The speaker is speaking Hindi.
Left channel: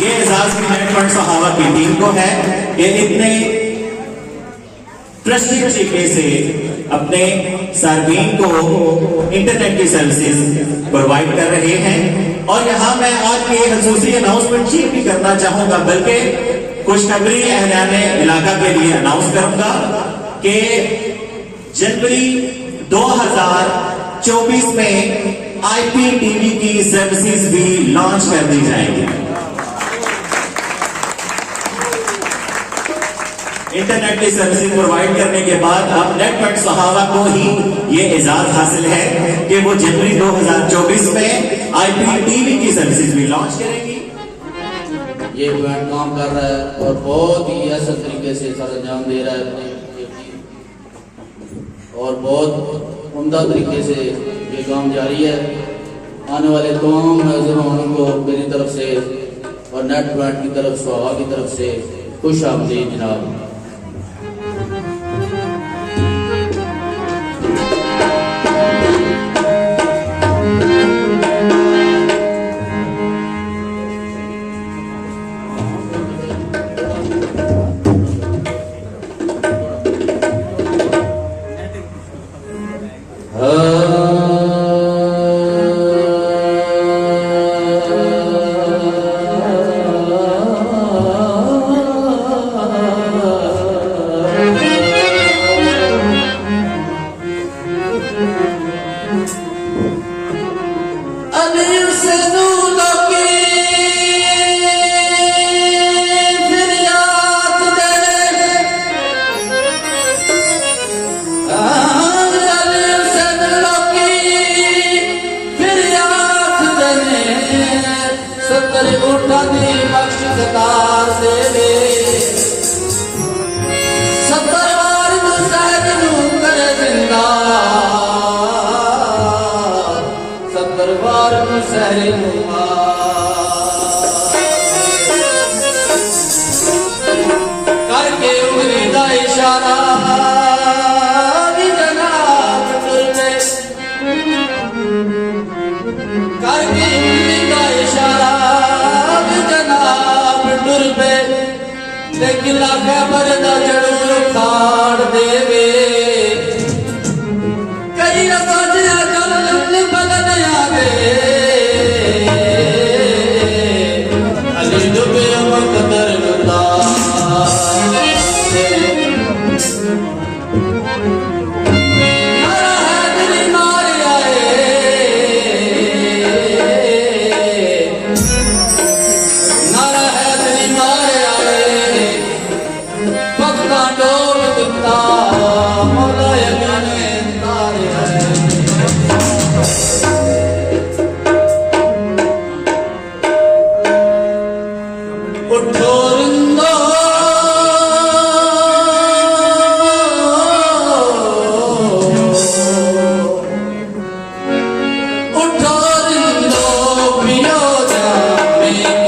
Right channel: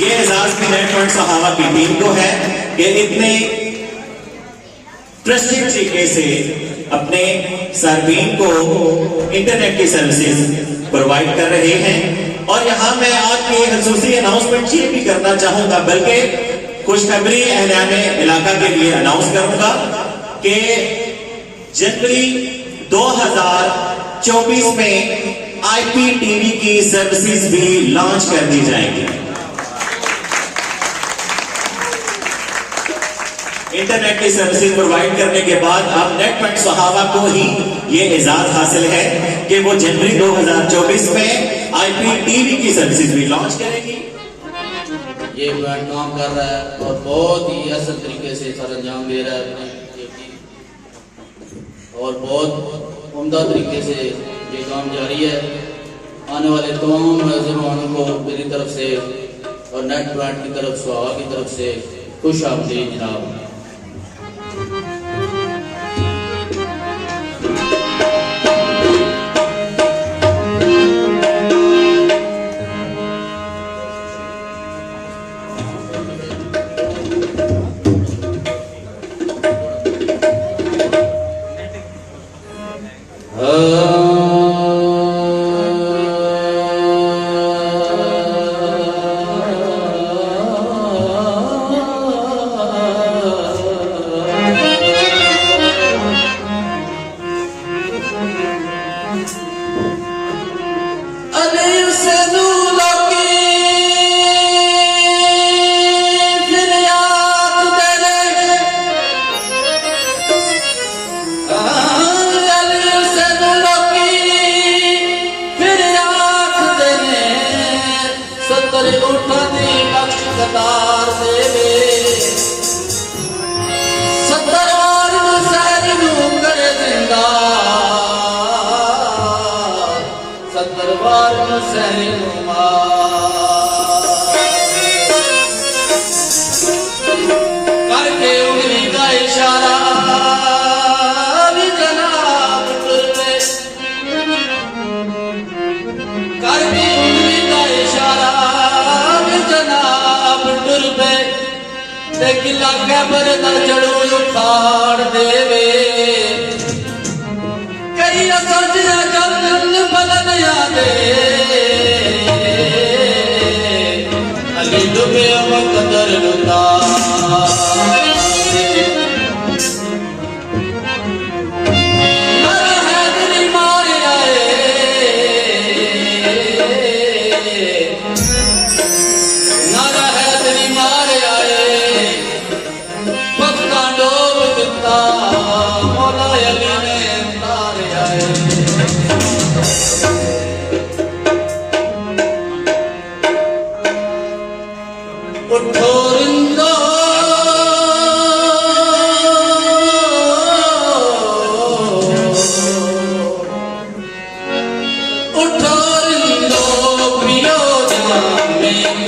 ये एजाज की नेटवर्क सहावा की टीम को है कि इतने ट्रस्टेड तरीके से अपने सार्फिन को इंटरनेट की सर्विसेज प्रोवाइड कर रहे हैं। और यहां मैं आपके खसूसी अनाउंसमेंट ये भी करना चाहूंगा, बल्कि खुशखबरी एहलान इलाका के लिए अनाउंस करूंगा कि जनवरी 2024 में IPTV की सर्विसेज भी लॉन्च कर दी जाएंगी। इंटरनेट की सर्विसेज प्रोवाइड करने के बाद अब नेटवर्क सहावा को ही ये एजाज हासिल है कि वो जनवरी 2024 में IPTV की सर्विसेज भी लॉन्च करेगी। ये बैंड काम कर रहा है और बहुत ही असर तरीके से सर अंजाम दे रहा है और बहुत उम्दा तरीके से ये काम जारी है। आने वाले तमाम मेहमानों को मेरी तरफ से और नेट बैंड की तरफ सहावा की तरफ से खुश आमदीद जनाब। करके उंगली का इशारा भी जनाब टुर पे, करके उंगली का इशारा भी जनाब टुर पे, लेकिन खबर न चढ़ो उखाड़ देवे कई सजना कल बदन यादे अली डूबे कदर लुता Be